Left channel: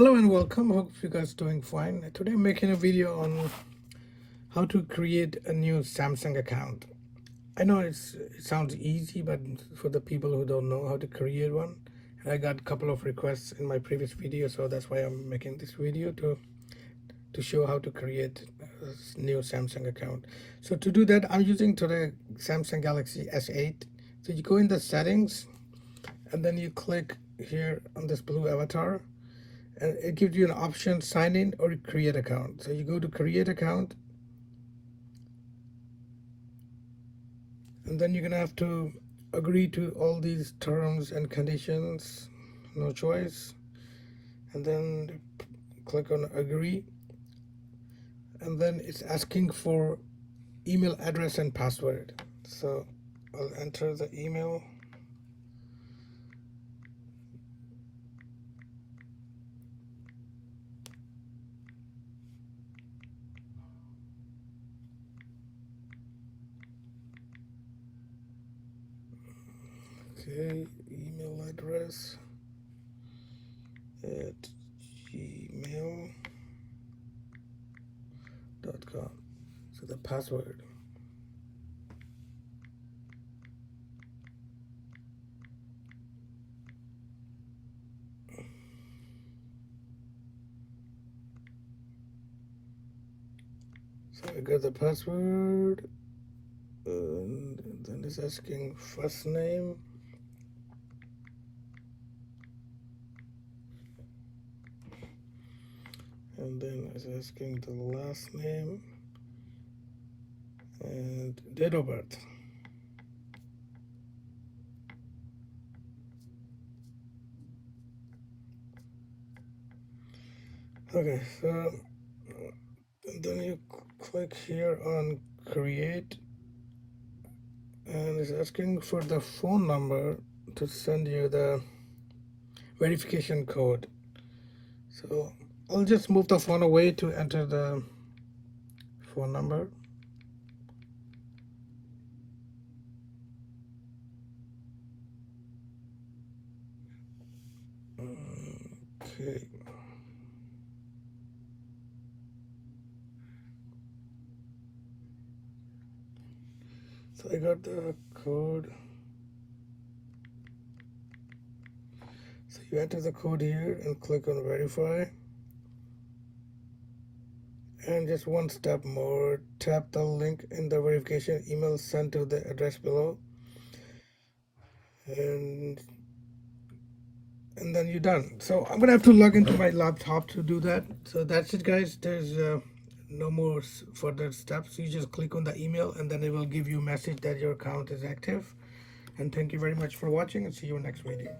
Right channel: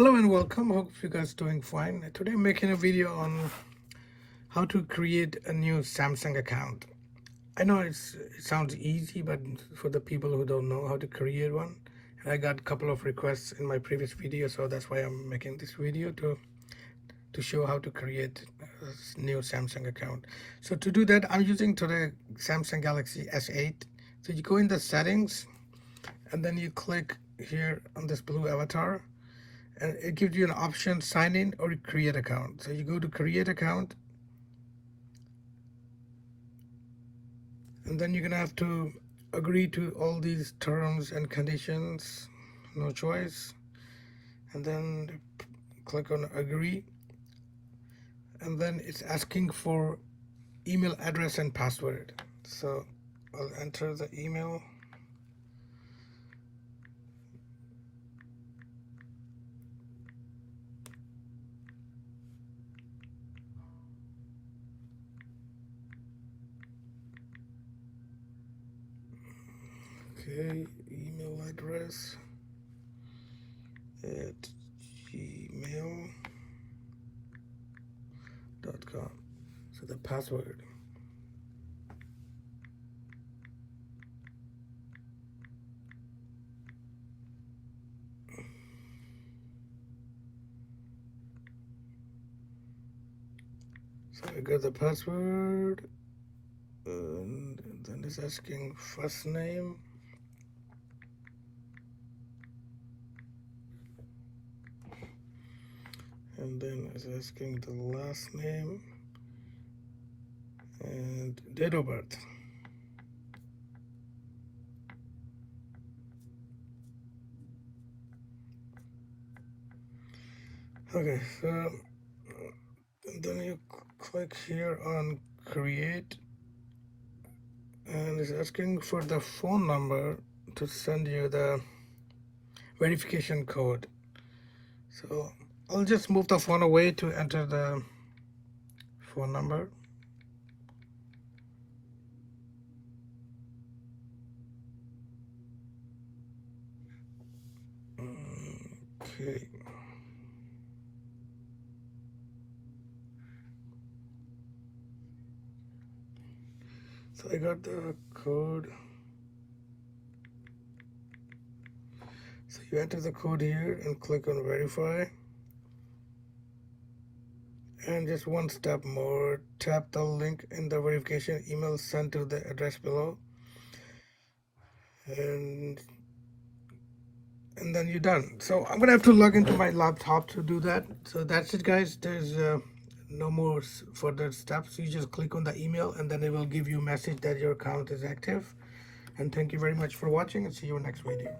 Hello and welcome. Hope you guys doing fine. Today I'm making a video on how to create a new Samsung account. I know it sounds easy, but for the people who don't know how to create one, and I got a couple of requests in my previous video, so that's why I'm making this video to show how to create a new Samsung account. So to do that, I'm using today Samsung Galaxy S8. So you go in the settings, and then you click here on this blue avatar. And it gives you an option, sign in or create account. So you go to create account, and then you're gonna have to agree to all these terms and conditions, no choice, and then click on agree, and then it's asking for email address and password. So I'll enter the email. Okay, email address at gmail.com. So the password. So I got the password, and then it's asking first name. And then it's asking the last name and date of birth. Okay, so and then you click here on create, and it's asking for the phone number to send you the verification code. So I'll just move the phone away to enter the phone number. Okay. So I got the code. So you enter the code here and click on verify. And just one step more, tap the link in the verification email sent to the address below. And then you're done. So I'm gonna have to log into my laptop to do that. So that's it, guys. There's no more further steps. You just click on the email, and then it will give you a message that your account is active. And thank you very much for watching, and see you in the next video.